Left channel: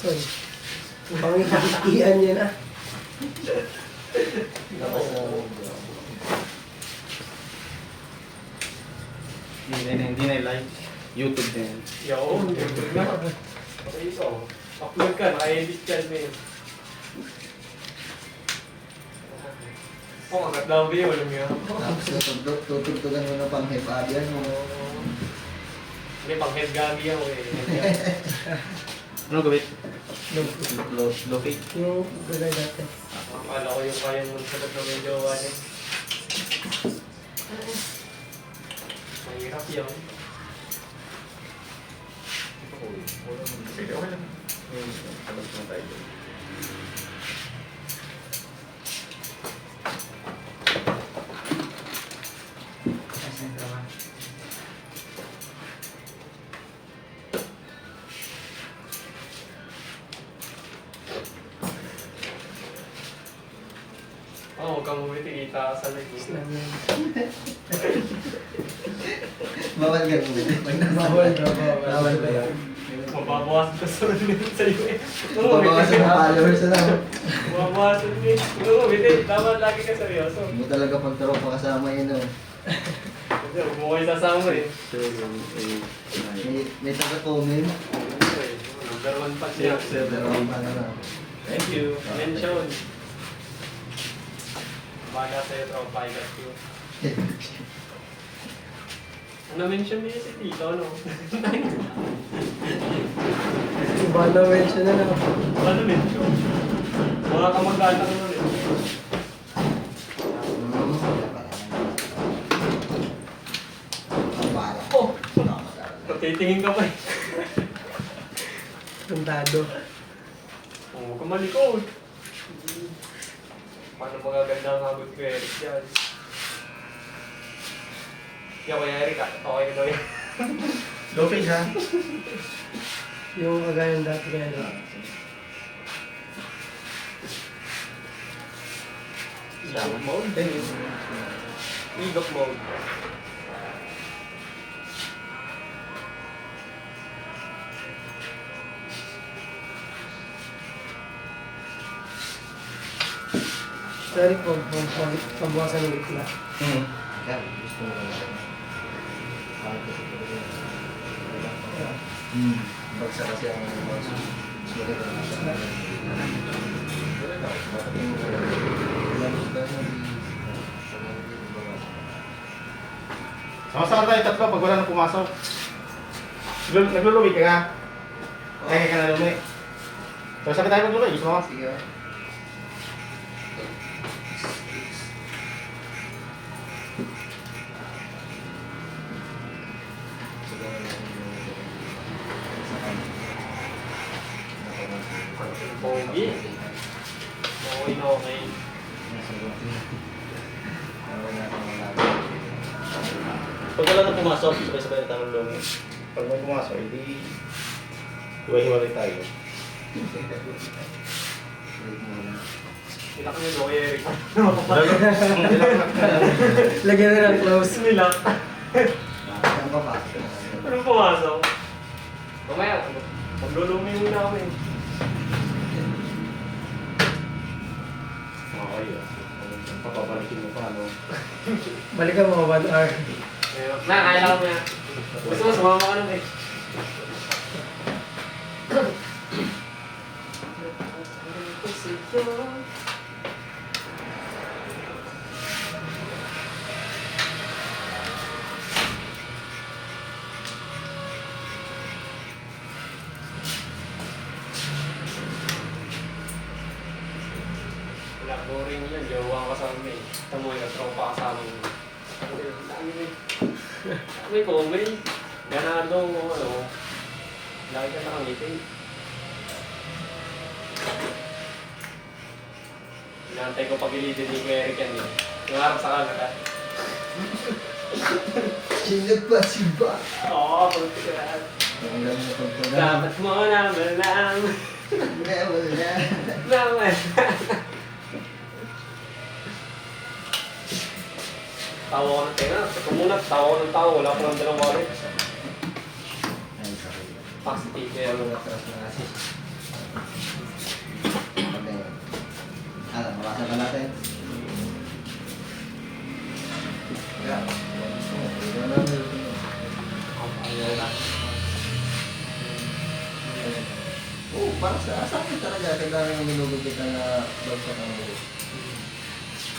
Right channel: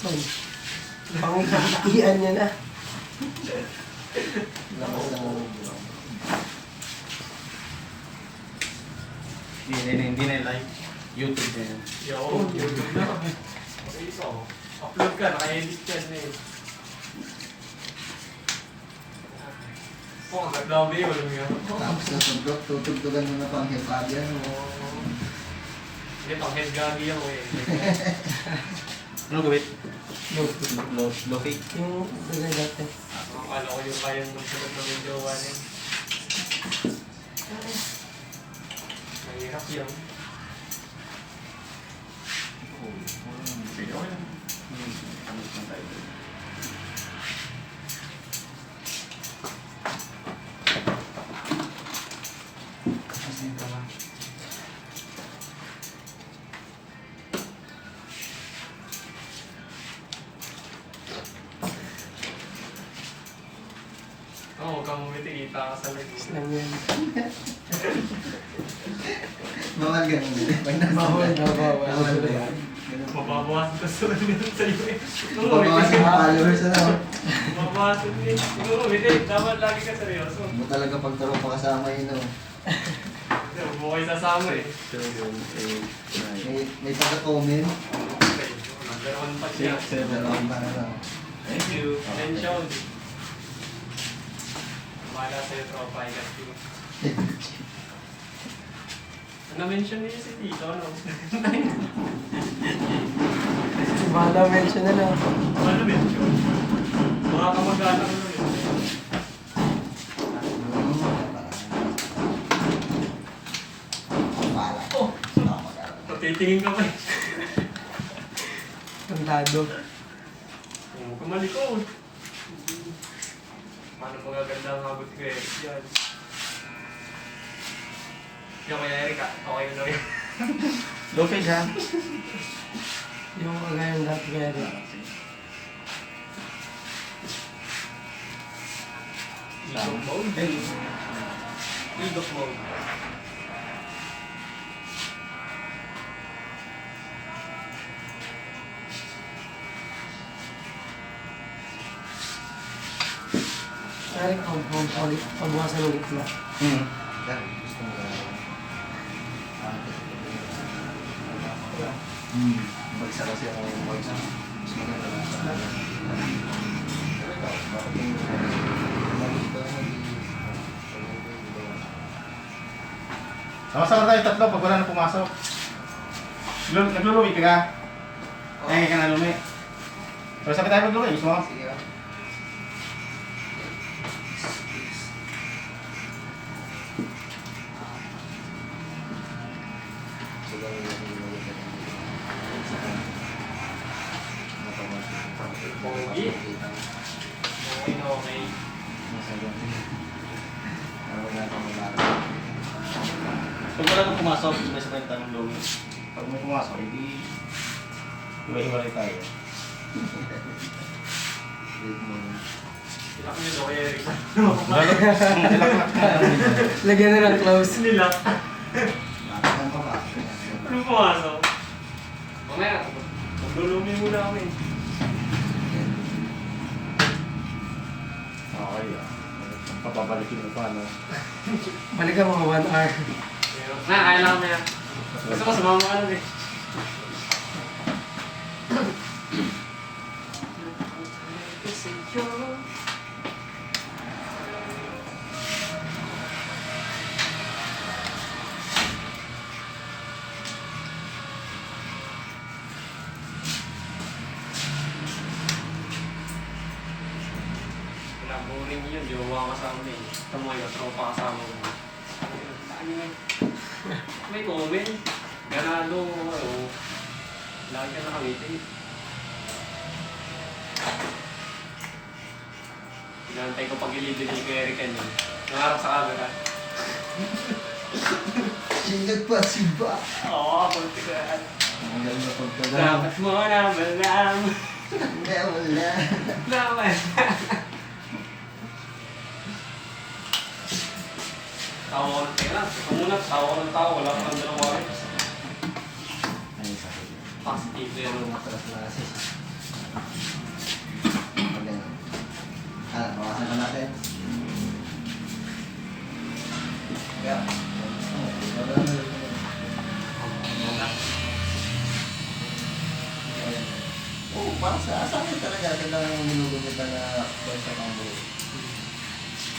Son. Pangitian niya na. Hindi na live. YouTube na yan. Yo, YouTube na. Okay, ito. Upload ka, naka-edit ka na yun. Ang ganda ang video, alam mo yan. Tapos tutugtugan mo na pang hip-hop yan mo. Hindi, pang head gagi ako eh. Anong gawin? Low fake. Yung gulay dati. Akala ko yung kayang magsagot ng medyo ano. Mahirap yun. Sige, okay lang. Huwag kang bumiti, kita ka sa naging. Slang yan. Bawal ganun din. Bawal na, bawal. Bawal ba yan? Mababawasan ka sa mga sa iyo eh. Babawasan yung followers na. Mababawasan mo eh. Ikaw bumiti, dapat lagi ka seryoso. Mo talaga pagturo pa kasama yun o. Kasi huwag mo kayo sasama eh. May taga-comment. Okay, number 1 touch yan. Dalawang pala na. Thank you. Mention. Bahala sa'yo, tropa. I got you. Na-mention niya si Tito, no? Si Bala mention na lang. Ano mention? Mga kamag-anak mo ulit. Oh! Titingin ka pa eh. Tandado. Oo, kamalikod. Paano magaganda ang abot ko eh? Yan. Yan, Kuya Eric ah. Okay na daw yan. Low fake ha? Yung kagaya ng dati kaya rin. Idok mode? Idok mode. Sorry po, pagbawasan ng itla. Gusto mo ba? Bagsa kasi ako bagsa. Mas maganda. Bakit yung Sama-sama tayo tatlo pag wala nang pumasok. Nagluluwi ka ka? Kaya ka na lumi. Sama-sama tayo nagluluwi. Gusto mo? Sige. Pogi. Okay na okay. Pag wala nang pumasok, sabay-sabay tayo nagluluwi. Pag may pumasok, hindi hiwalay tayo. Ilak niyo daw, Kuya Eric. Lagyan na ng close. Nilak. Ang baba. Anong pumasok? Mamaya, maglulumi muna kami. Okay ah. Papabalikin mo pa, no? Balikan mo 1 hour. Na, kaya na kami ah. Gusto mo, sumama ka lang eh. Boring yun, jowa ang kasama eh. Tamoy at tropa kasama mo. May comment. Ganado, ano. Lagi ka nakangiti. Inaantay ko pag-ilido ni Kuya Eric yan yun. Nangarap sa camera. Sinag pa si Ba. Oo, pagtigaan. Ang lang na pagkagal. Dapat mo na malaman. Wala. Naman. Tawa ko ng tela. Ito muna, tawa ko ng tao. Wala ko ng dalang wallet. Ay, sakit. Positive Pero yan. matras na kasi. Okay. Ano, makasan ko natin. Yeah. Oo, para sa akin talaga talagang minugod kita na bagsak ang buo.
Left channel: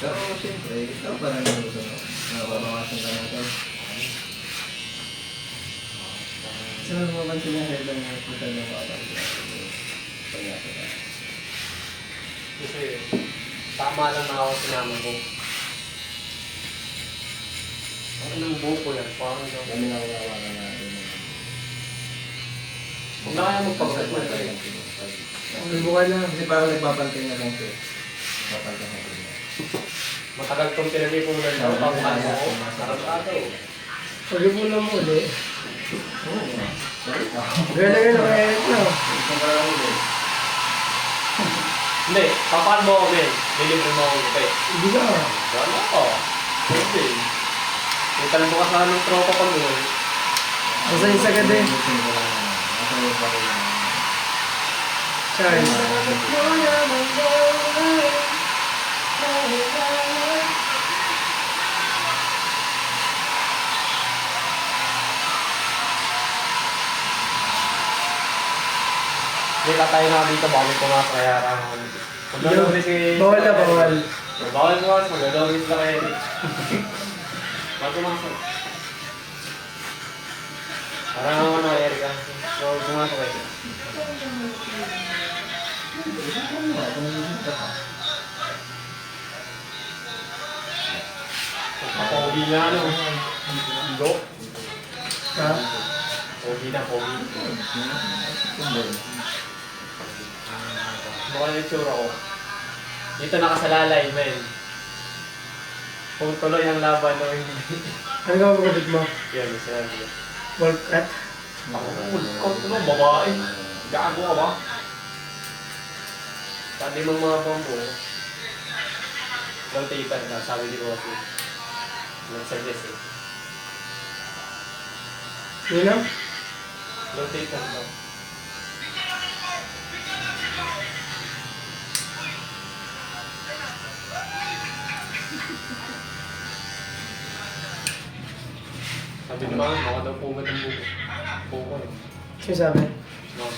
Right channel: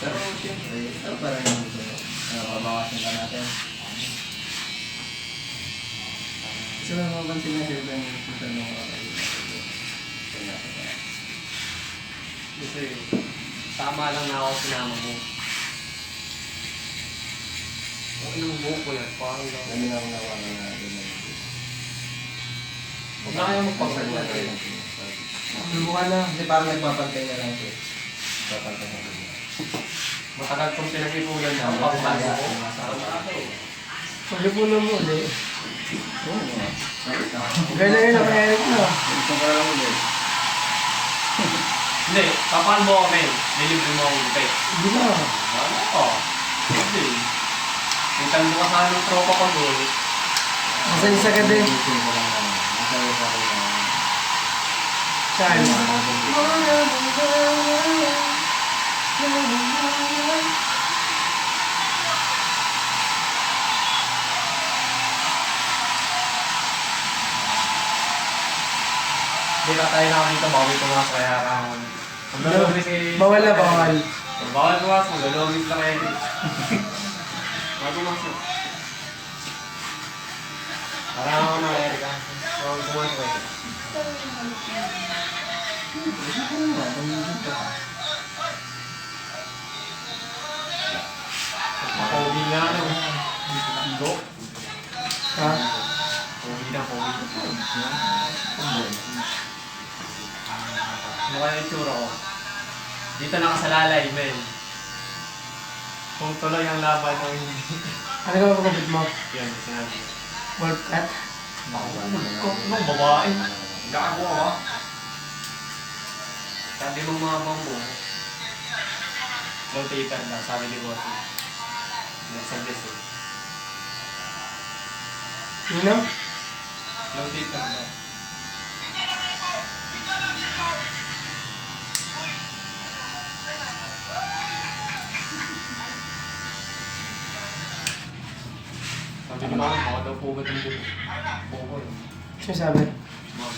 Pero siyempre, ito parang yung gusto mo. Makabawasan ka natin. Kasi mapapansin na headline yung kita ng mga kapatid. Kasi tama lang na ako sinama mo. Anong buko yan? Parang lang. Dami na mga mga natin. Huwag na kaya magpagkanya. Buka na. Kasi parang nagpapantay na lang ito. Nagpapantay na ito. Matagal kong pinag-ipunan daw. Pagkaya ko. Sarado. Pag po na mo ulit. Sorry. Gano'n yun ang Eric no? Hindi, papahan mo kami. May libre mo akong kape. Hindi na. Wala ko. Hindi. May tanong ka sa ng tropa ko mo. Basta isa ka din. Charles. Hindi ka tayo na dito. Baka may pumasok kaya maglalogis si... Bawal na bawal. Bawal pumasok. Maglalogis na kayo. Bawal pumasok. Parang ano, Erika. Bawal pumasok kayo. Pogi na ano. Igo. Ha? Pogi na, pogi. Mukha yung itsura ko. Dito nakasalalay, men. Kung tuloy ang laban o hindi. Ano ka magkabit mo? Yan, sinabi ko. Wolf cut? Kung ano, babae. Gago ka ba? Sabi mo mga bambo. Low taper na, sabi ni Rosie. Nag-suggest eh. Yun na? Low taper na. Sabi ni Mama, baka daw pugat ang buko. Buko eh. Sino sabi? Mama.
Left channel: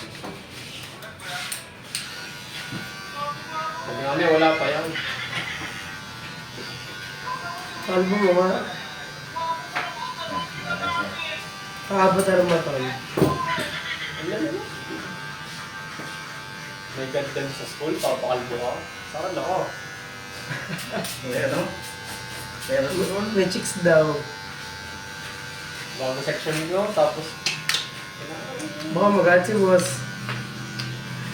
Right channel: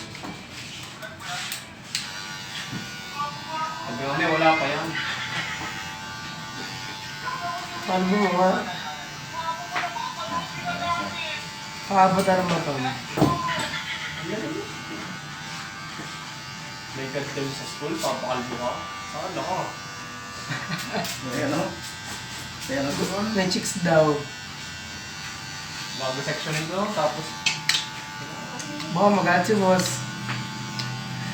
Sabi namin, wala pa yan. Kalbo mo nga. Kakabot na mo tol. May gandal sa school, papakalbo ka. Saan ako? May chicks daw. Bago section nyo, tapos... Baka magalit si boss.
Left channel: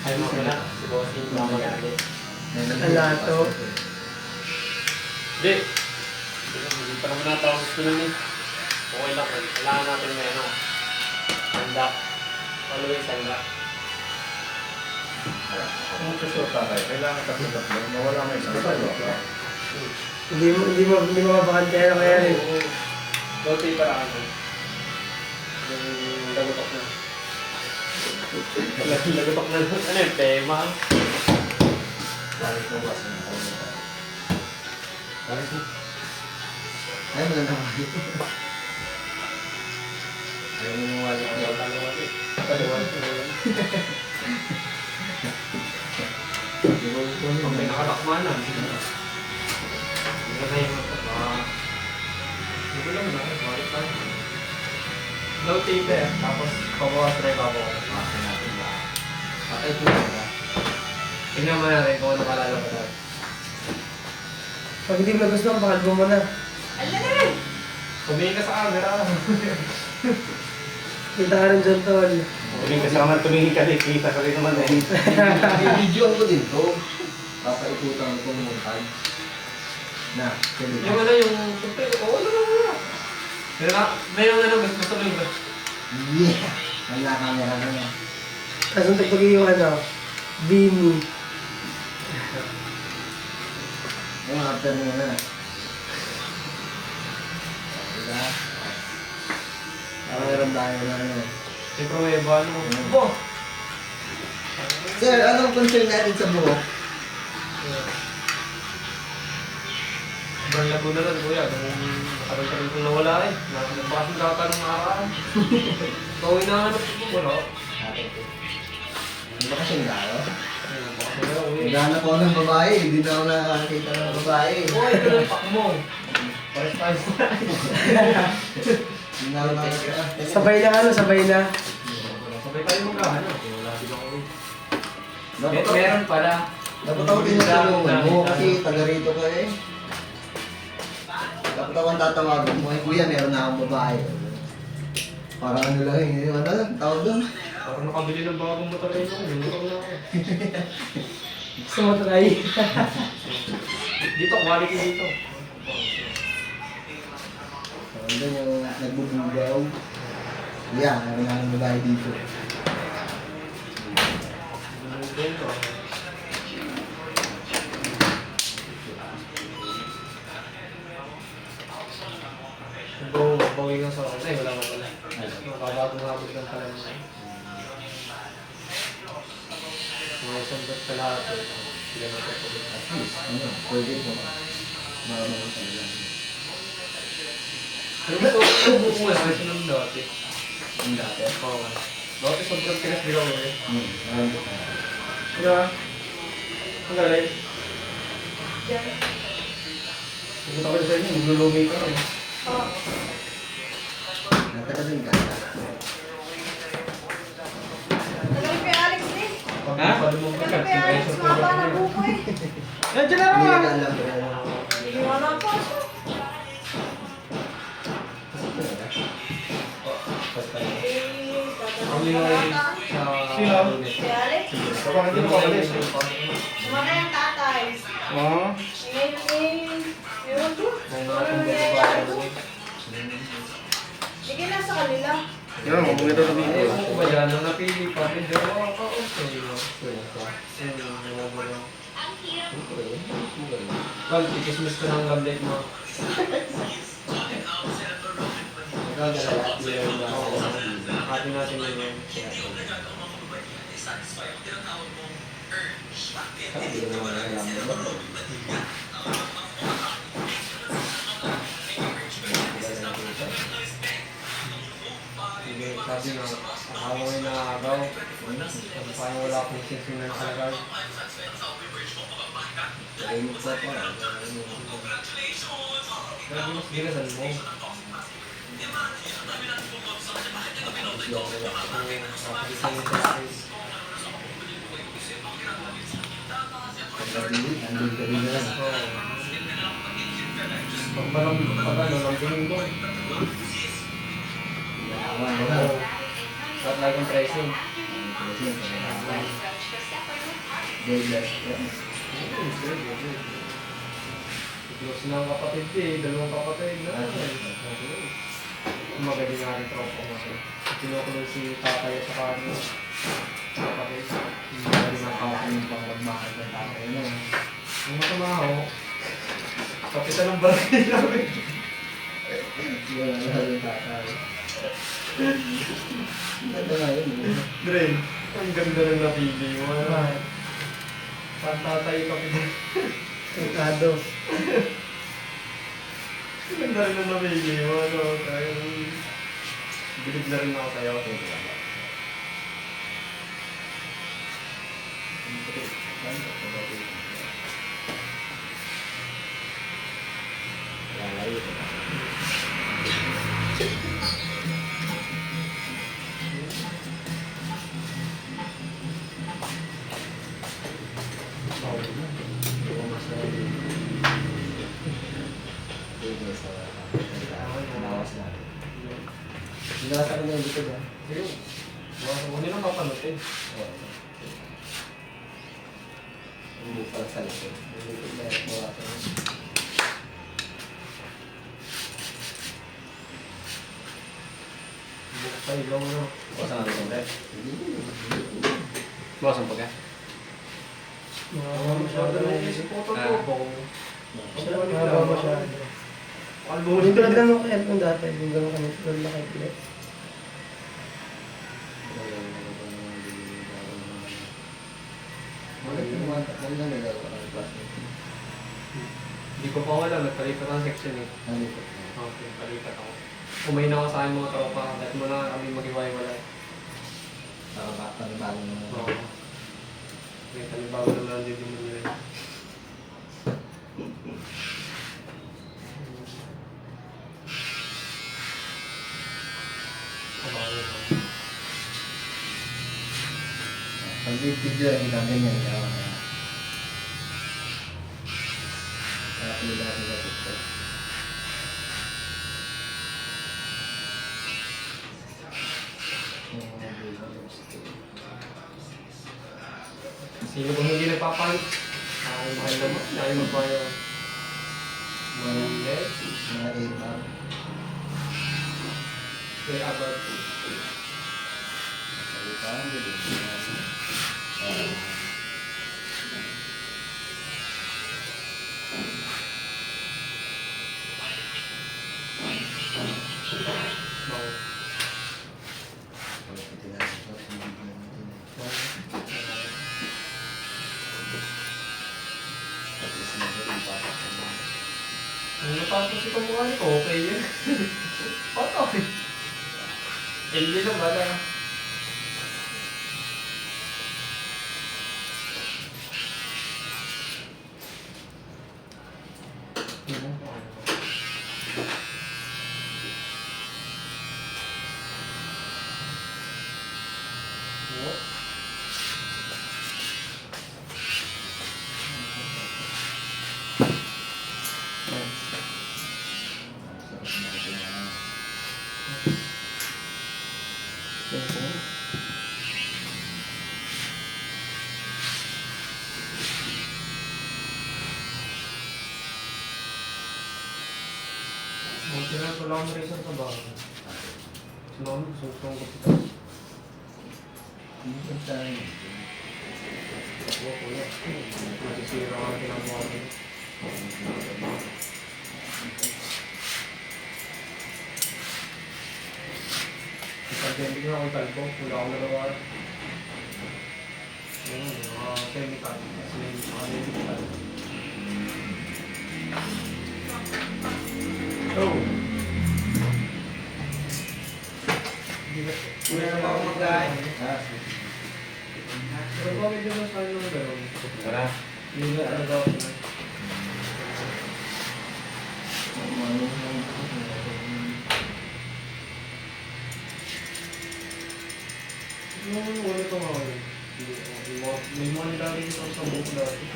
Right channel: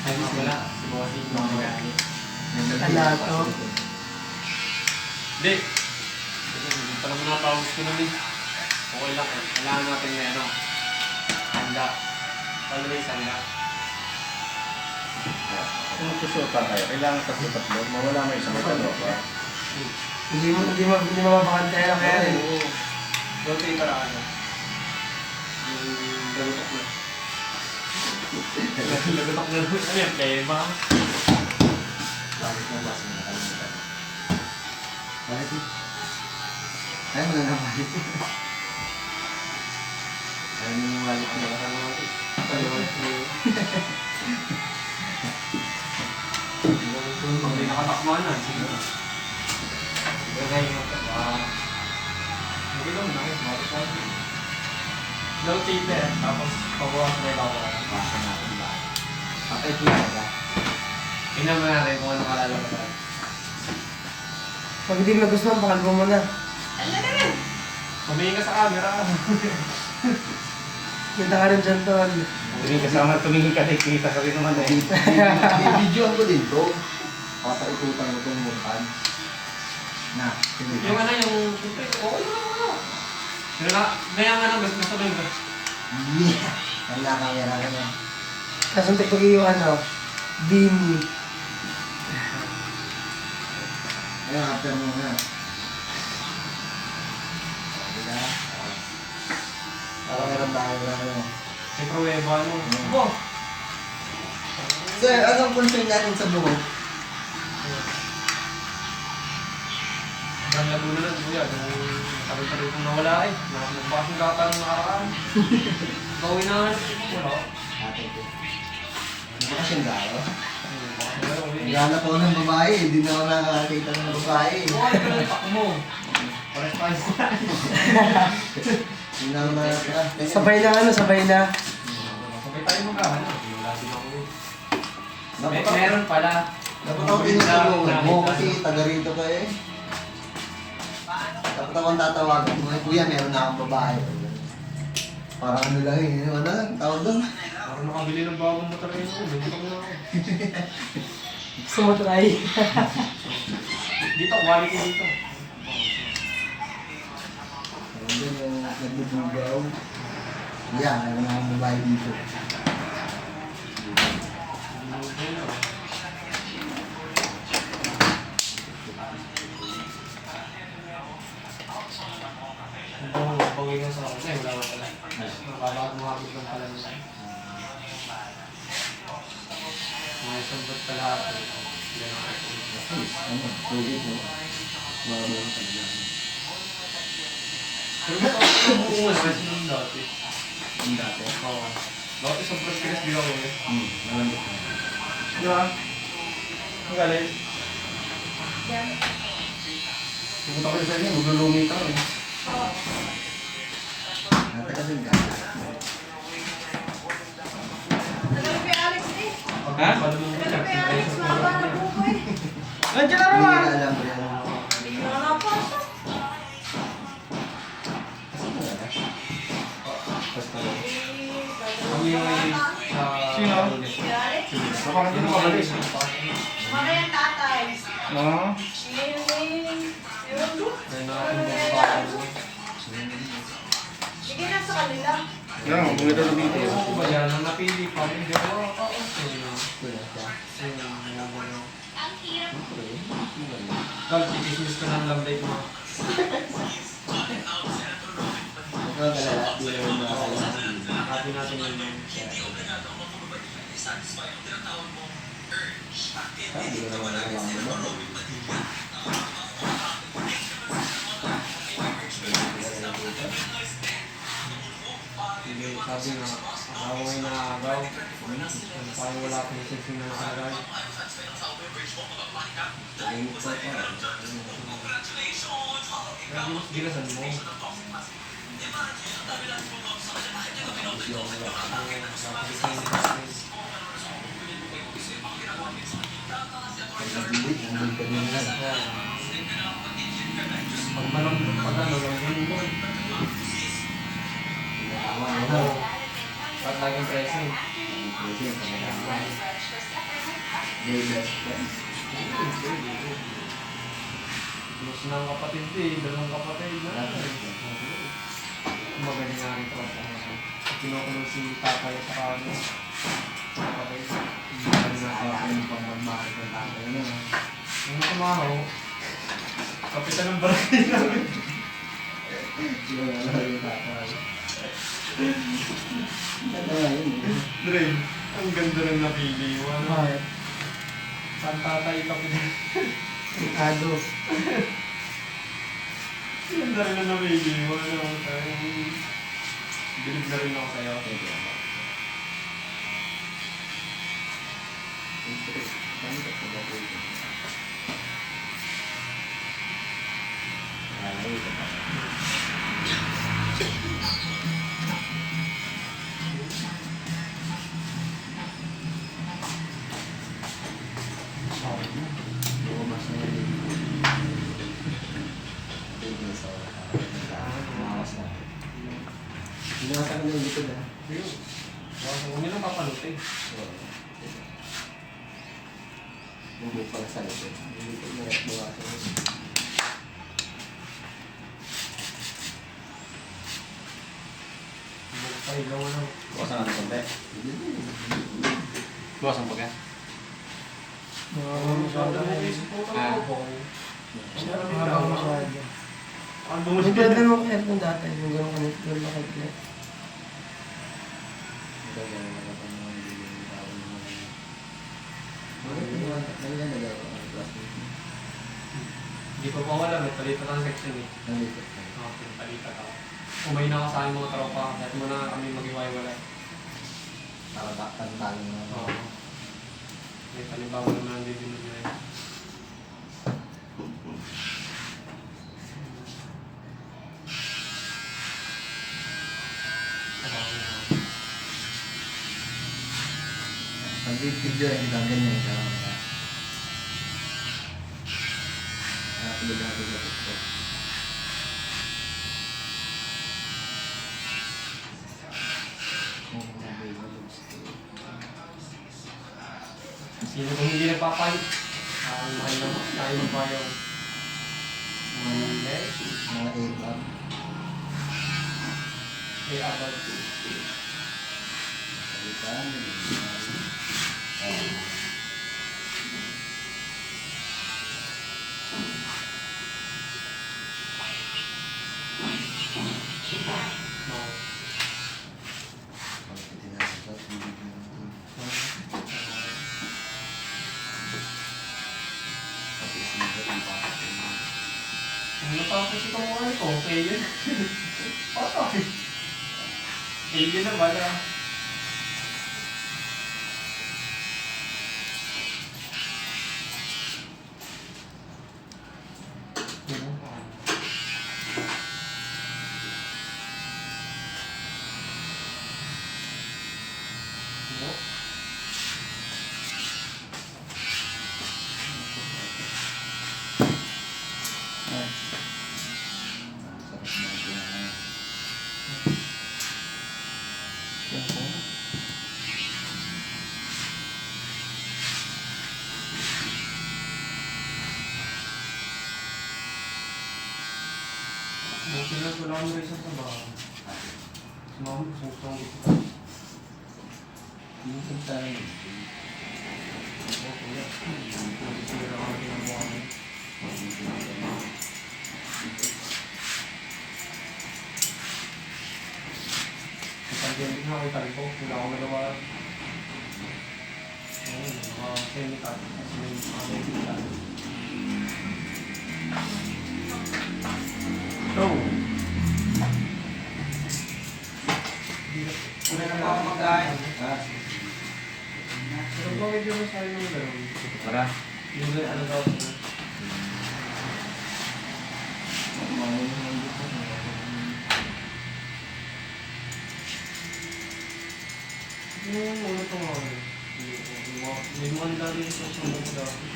Ay, wala. Si Boss yung mga magalit. Alato. Hindi. Hindi pa naman natawag gusto lang eh. Okay lang. Kailangan natin may ano. Handa. Always handa. Kung susunod pa tayo, kailangan kasi tatlo. Mawala may isang tatlo. Hindi mapapakantay na kaya rin. Low-tay para ano. Yung lagotok na. Lagotok na. Ano yung pema? Bakit na boss? Bakit? Ay, mo lang naman. Ay, mo yung wallet niya. Pag may nakatakmanan. Hindi na yung mataba. Hindi lang na. Marit lang. Low taper. Tapos babawas na yung babawas. Masa natin ba? Patay po na. Tingnan mo natin kung ano kalalabasan. Pag hindi mo nagustuhan, pakalbo mo na. Tumingin ka sa camera. Kita ka rin dyan tol. Tumingin kasi ako tumingin ka, kita ka rin naman eh. I-video ko din to. Papaikutan ko ng montage. Na, Yung ano yung... Siyempre, oo naman wala. Pero na, may ang ano, gusto mo yung... Yeah! Wala camera ka niya. Kaso tagpag yung ano, Bini. Ayun, after muna. Diba? Para meron tayo na ano. May pruweba, ano. Bo! Sir, anong concern natin sa buhok? Sobrang lago na lang, kuya. Nung matagal-tagal kong nawala eh. Nagbakasing kaka nung nakaraan. Gawin na ano. Wala. Hindi ba kasing gaya? Ayun, nagbakasing na lang, kuya. Naghanap ako ng babae, hindi na ako nakakita ng babae. Buhay ko lang pak mo. Pares tayo. Hindi na ako nakakita. Sabay na ano, sabay na. Sabay tayo magkahanap. Wala din ako eh. Dapat Meron pala. dapat ako tinutulungan mo kasi taga rito ka eh. Dapat ako ang tatawagin mo, eh, kuya, meron na akong babae. Parang ano lang eh, ano lang, tawag doon. Parang nakabili ng bagong motor kayo. May motor na ako. Gusto mo try? Dito, quality dito. Tawag doon yung nagbubugaw. Yan, meron na akong babae dito. Kung bangay nga sa akin, ay wala ka pala. Mababagong habot lang pala naman. Mga isang ba't kalahati. Sila na patuloy. Ano, project mo. Marunong talaga. Pero ito buo na kasi nung dati. Ang dati. Oo. Dati sobrang tigas di ako eh. Marunong ka. Di ba? Ang galing. Pupunta ko sa inyo, maglulumi ka eh. Natagal din ka. Pag napadulong ka, ay sa program niya. Nandiyan na Hindi naman! ka alam pero... Basta tayo. Kami ay sa... Sino? Baka hindi mo kalis. Oo. May nakatong babae doon. Sige lang sa kanila. Yan, maganda na Eh, kung ba yan, nang napili pa, medyo okay. Well, ikismis ko ng gambay mo. Nagkagalala. Yung Happy natin yun. Hindi ko naman alam mo. Sige, sabi nga, nakaway na agaw. Parang wala akong sensing ng agaw. Tahimik sa pa. Kaya di mas ginasan mo. Pagkabilit, andun pa rin lang. Pag manang lambunin mo. Yaman mo na. Ba't lagi ang pricing? Kasi yung pagkakaman. Very best friend. Close na ang kapatid ko eh, dalawang kapatid na. Magaling nga rin tropa mo. Kinukulong si tatay sa kanya. Kapatid. Magaling ang kapatid pang magmahal ng tatay na. Yung matamaho, kapitan ng barangay namin. Yung ano yung tatay. Ito nga yun. Dre, ang ganda ng napili mo. Ano? Pantatay kapitan. Ricardo. Ang ganda rin ng napili mo. Ano? Bilib na rin ako sa'yo. Lalayo ko. Binasa ko na yung likod ah. Ayun. Huwag nilang papanood eh. Hindi pa sa likod. Yung likod na yung bawasan mo. Sa ilaw ano. Bawasan natin konti. Hindi. Bawasan pa ka? Masyado na yung supporter ko. Kung Mahaba masyado. ang Yung buhos tulad lang ng kahit ng dati, yung gano'n kami, tulad na kahit ulit. Naglalagay ko ng plastic. Hindi ko pa alam, nagpalipat ang section eh. Nalipat ko. Okay, palipat ako. Umay na ako sa aking mga tropa, dahil muna kami mag-iwalay. Para ba, panitalo na. Oo. May panibago naman ang dito nyo rin. Abangan nyo naman. Ang video rin kita ganyan. Kaya pinagagalit ko. Sino kung hindi nagpapalit? Ay, mahal naman. Ay, magbayaw. Monday. Mga 8 lang. Kay Albert. Salitaan, galing. Mau. Kalau kita dah dapat video nanti. Tapi semoga dipakai. Ang natapos ito mukha nito, okay yun. Okay. Alien na bala. Sarap natin yan. Buti na wala mo rin sa trabaho. Sumama, susong ko kita. Minsan tayo. Ako kuya. Masisira ang pinanguha mo. Ipag-bending ako italbo. Wala akong nagawa. Ayun, mga chemical. Kasi may mga medical. Bro. Wala na ako mag-aay. Pero ba medyo mas tayo naman gano'n? Tara. Hindi na talaga ako. Yung ulit ko nga ako. May mga nilalagay ko sa buko dati.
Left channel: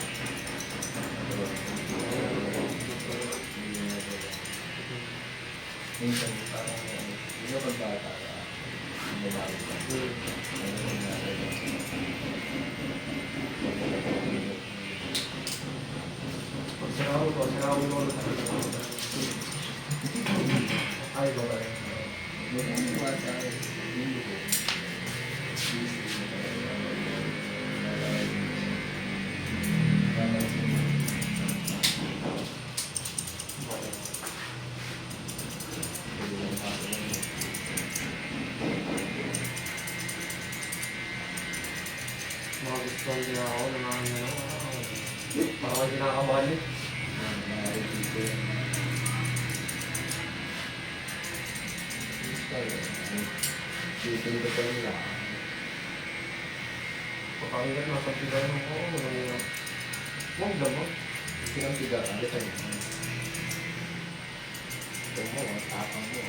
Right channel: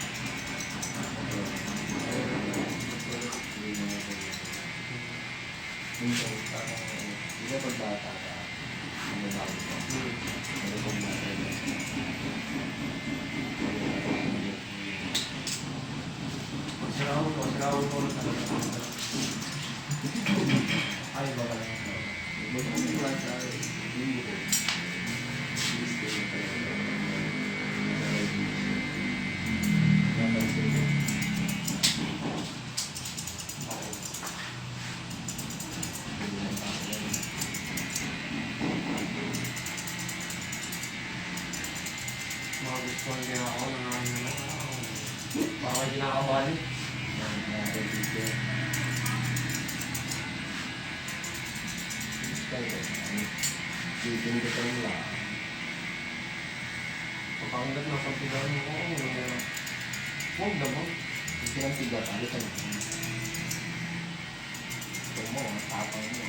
Minsan parang hindi na pagbata ka. Ang babae ko. Ano yung nasa Pagsaraw ko ulit talaga. Ay, ba tayo? Mga gustuhan din ako ng mga baka may kinakabali. Papangilan na pagtigan mo, oo, walang hirap. Huwag naman. Tapang mo.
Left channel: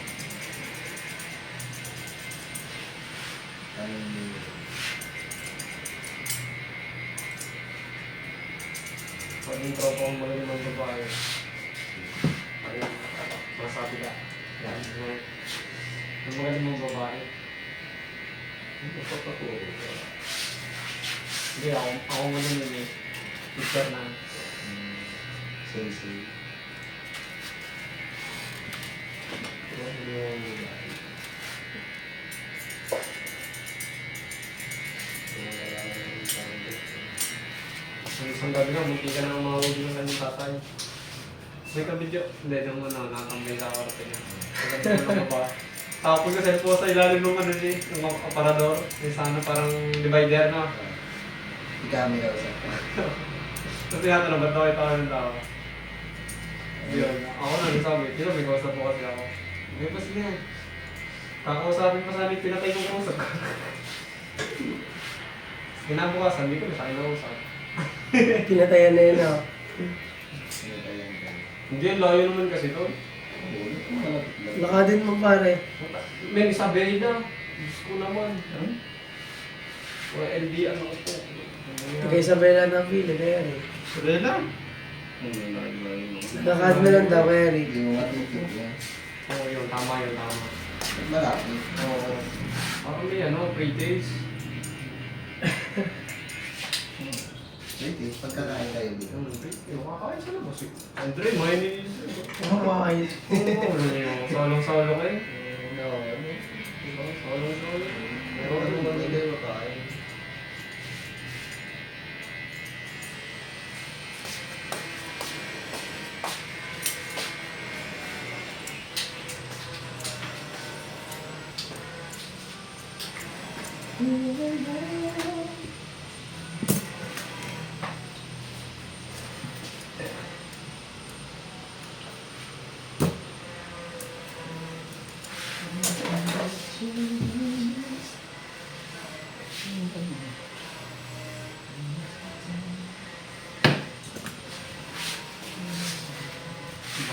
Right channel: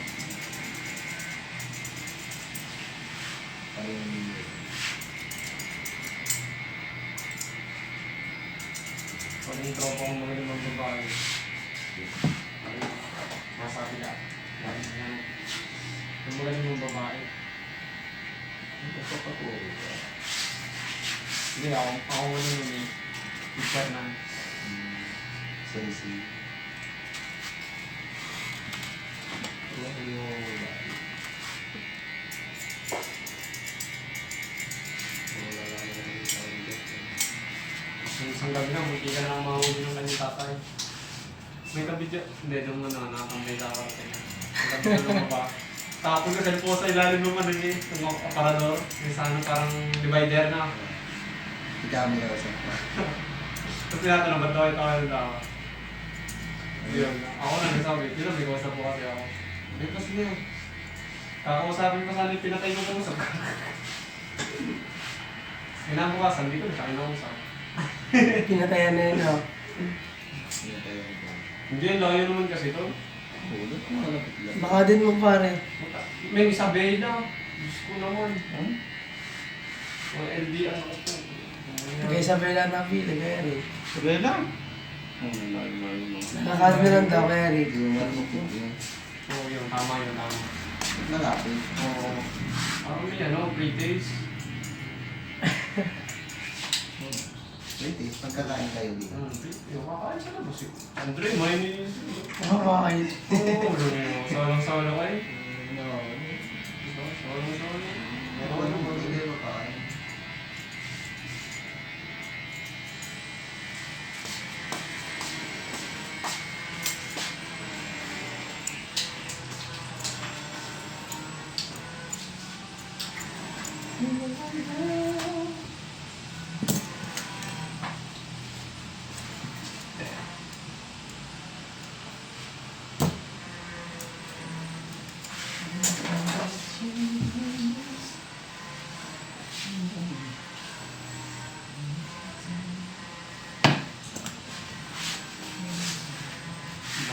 Pag yung tropa kong magaling ng babae, ay, masabi ka. Yung magaling mong babae. Hindi, ako magaling yun eh. Teacher na. Sensei. Yung isang gabi na, munti ka na umawag ng kanyang tatay. May kabidyo. Hindi, nung natambay lang ako natin. Maganda ko lang ba? Tapos kasi po sa ilalim ng ano yung aparador. May sana parang divider na. Si Kami daw sa. Tapos tinatanong ba't tayo yung tama? Yun, ako na nasabi, may kausap po kasi ako. May pas na. Kakausapin pa sana yung pinatay ng kausap ko. Kinabukasan, hindi ko na siya kinausap. Pinatayan na yun, oh. Hindi, ang layo naman kasi doon. Lakadin mo, pare. May Isabela na. Diyos ko naman. Wala LD ang ako po. Kay Isabela na pili, kaya rin. Sige lang. Oh, layo. Lakad na lang daw, kaya rin. Hindi mo matutog yan. Oo, yun. Tama yun, tama. Malapit. Oo. Parang may 3 days. Pwede, pagkakain kayo dito. Kakain sa labas eh. Andre, may nilinis yun. Kumakain. Solo kayo. Oo. Solo. Ano ba kayo makain?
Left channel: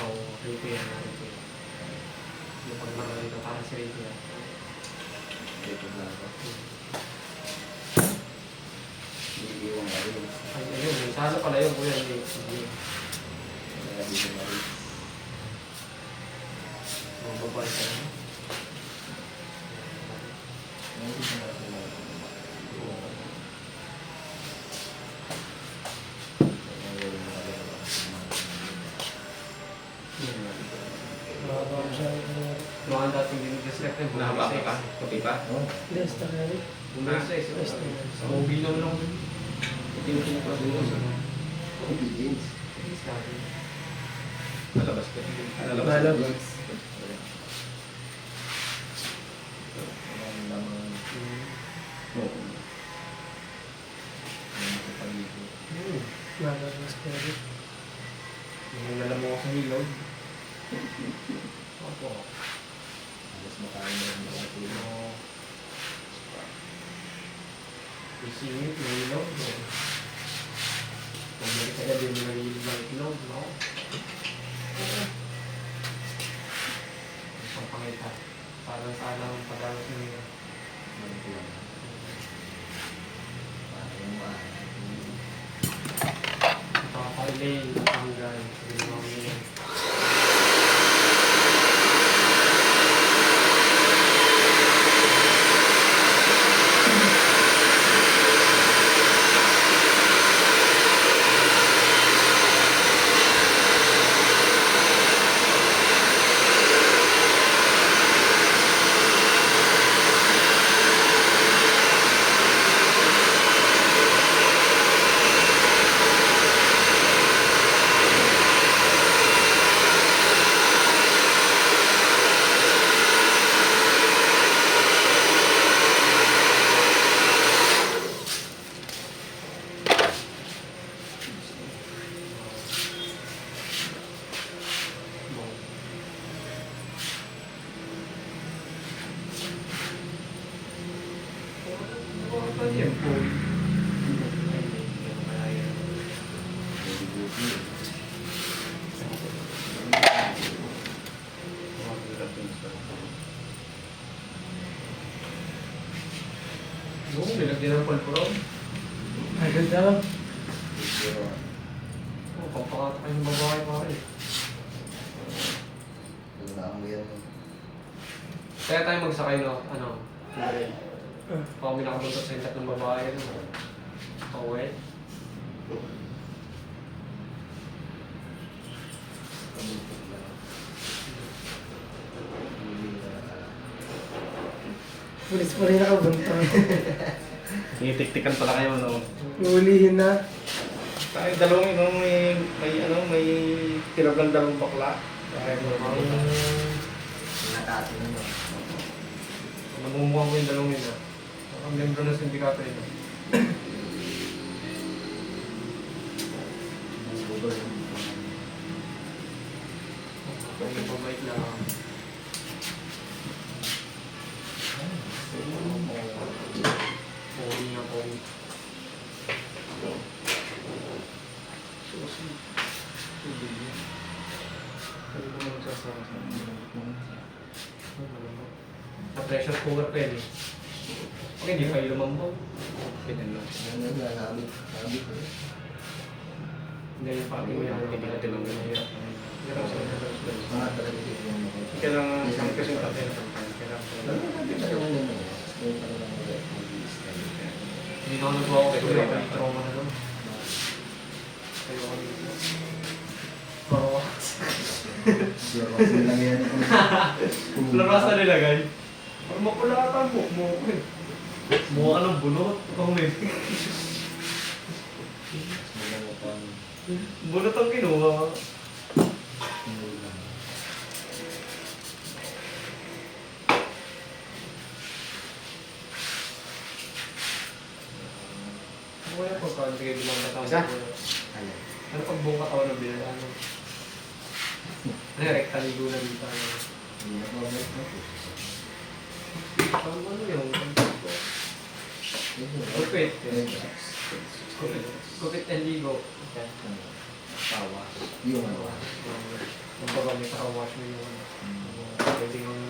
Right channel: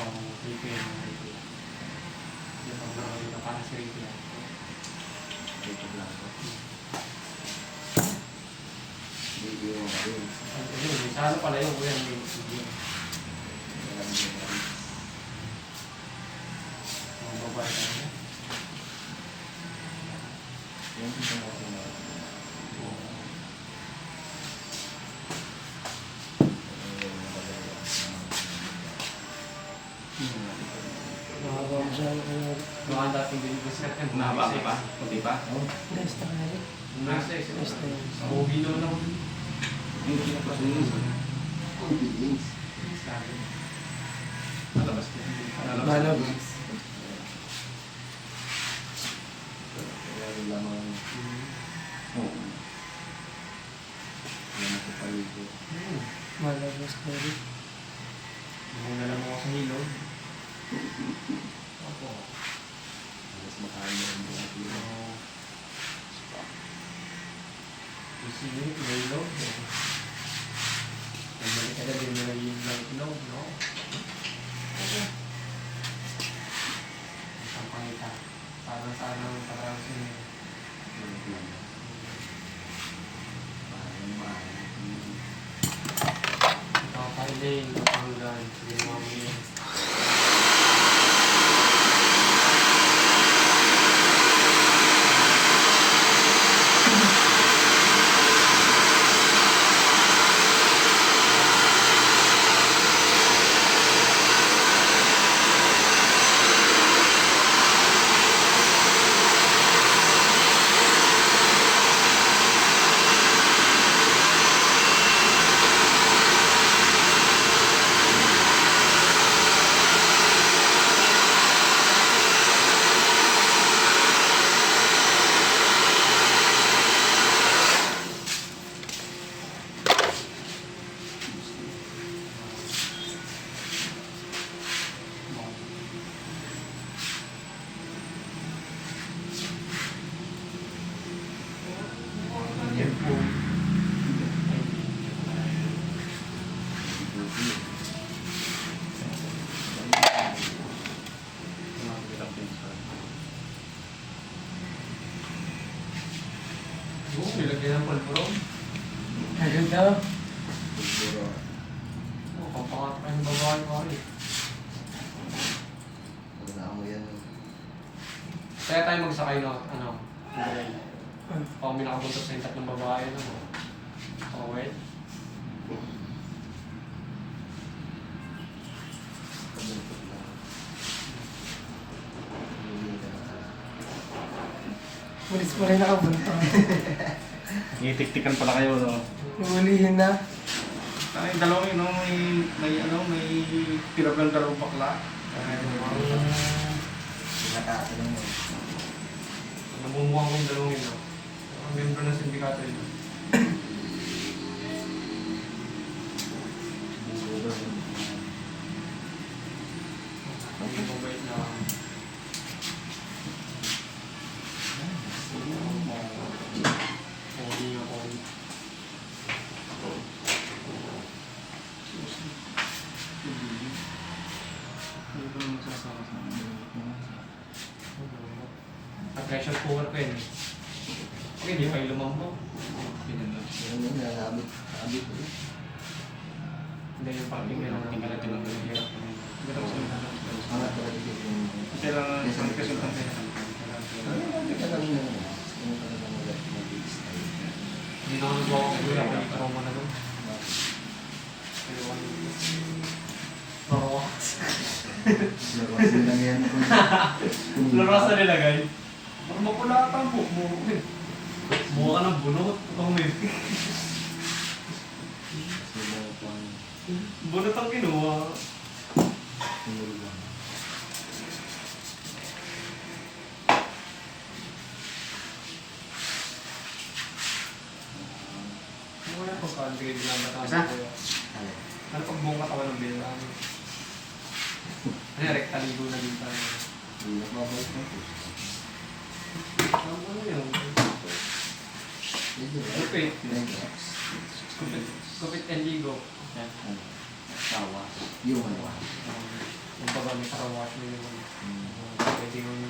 Oo, Rico yan. Yung pag marami ka parang si Rico yan. Dito lang ako. Hindi yung marin. Ay, ayun. Sa ano pala yun, kuya. Hindi. Grabe yung marin. Mga babae ka na. Yung gusto natin na. Oo. Nakaba ko siya. Yung ang dating dinidiscount yan, Nahaba ka pa? Kunti pa? Oh, Gas na kayo. Bumagsak eh. Sa movie no lang. obedience. Nalabas ko. Malabas. Wala rin lamang. Oo. Wala na sa paligid. Malabas ka rin. Yung nalam mo sa hilog. Ako. Alas makain na rin mga tulo. Isingin, hilog. Pagmalik ka na din mo nalilog ng itlog, no? Isang pangita. Sana padawas mo yun. Parang maaari. Ito ang Thailand, ito ang Hanggan. Ginawa mo yun. Oo, nilagyan ng pulpurong. Ayun daw. Siguro. Oo, pampakat pa yung babae pa rin. Pagkakang mo yan. Kaya tayo magsakay no, Pag may nakabuntot sa intak ng babae, Kawet. Kabuntot lang. Pulis pa rin nakabuntong. Tinitiktikan pala kayo, no? Ulihin na. Parang yung dalawang yun, no? May pinablang dalawang bakla. Nakatasin mo. Namumuha ko yung dalawang yun. Ang membro ng sindikato yun. Induction cooker ko yun eh. Pag hindi kayo lumambang. Pinalo. Ano yun, habit ko yun. Hindi yung parang may ako ng ganito ng hirap. Mga talaga dito yun. Kailangan Isang kasi kasi lang. Hindi ka naman yan. Kung ano lang ulit, mag-iis na rin. Hindi na ako nagawa ko kuya, kaya trauma naman. Florowax. Lawas nilang yan. Florowax na nilagay. Parang mapula ata ang buhok mo. Mukha ka ng bunot. Ikaw may bunot ang kinuha. Ano kaya pagkaan bigay bilang batang Isa? Ano pag buong katawan ng binalaan? Ano yung rectangle na dito? Hindi na mabalik na. Ano yung Kupit. Kupit and ligo. Tawa. Yung ano. Kung baga may paka-wash mo yung ano. Pwede yung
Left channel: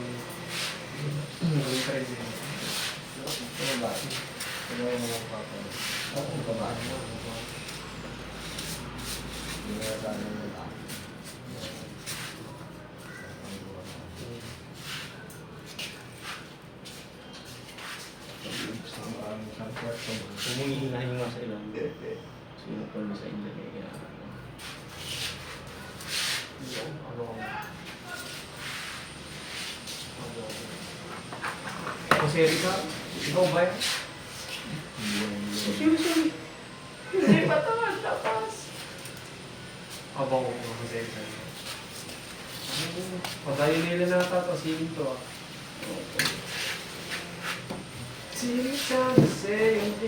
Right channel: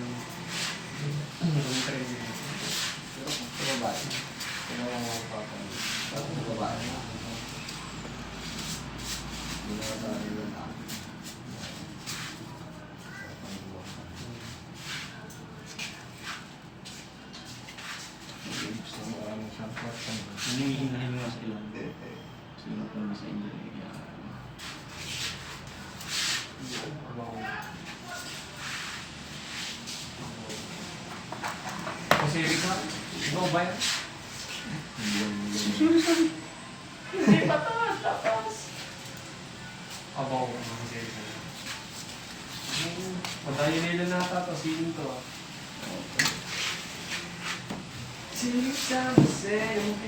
maging trend din. Sa babae. Ano yung mga papa mo? Sa babae. Hindi na sa akin yung tao. Gusto ko maraming siyang kwarto. Humihinahin nga sa ilang. Sino pa mo sa inyo eh. Kaya, Jose Rica, ikaw ba yan? Hindi. Hindi pa tapas. Abaw ko mga Jose Rica. Padayo nila nata to, siling to ah. Si San Jose, yung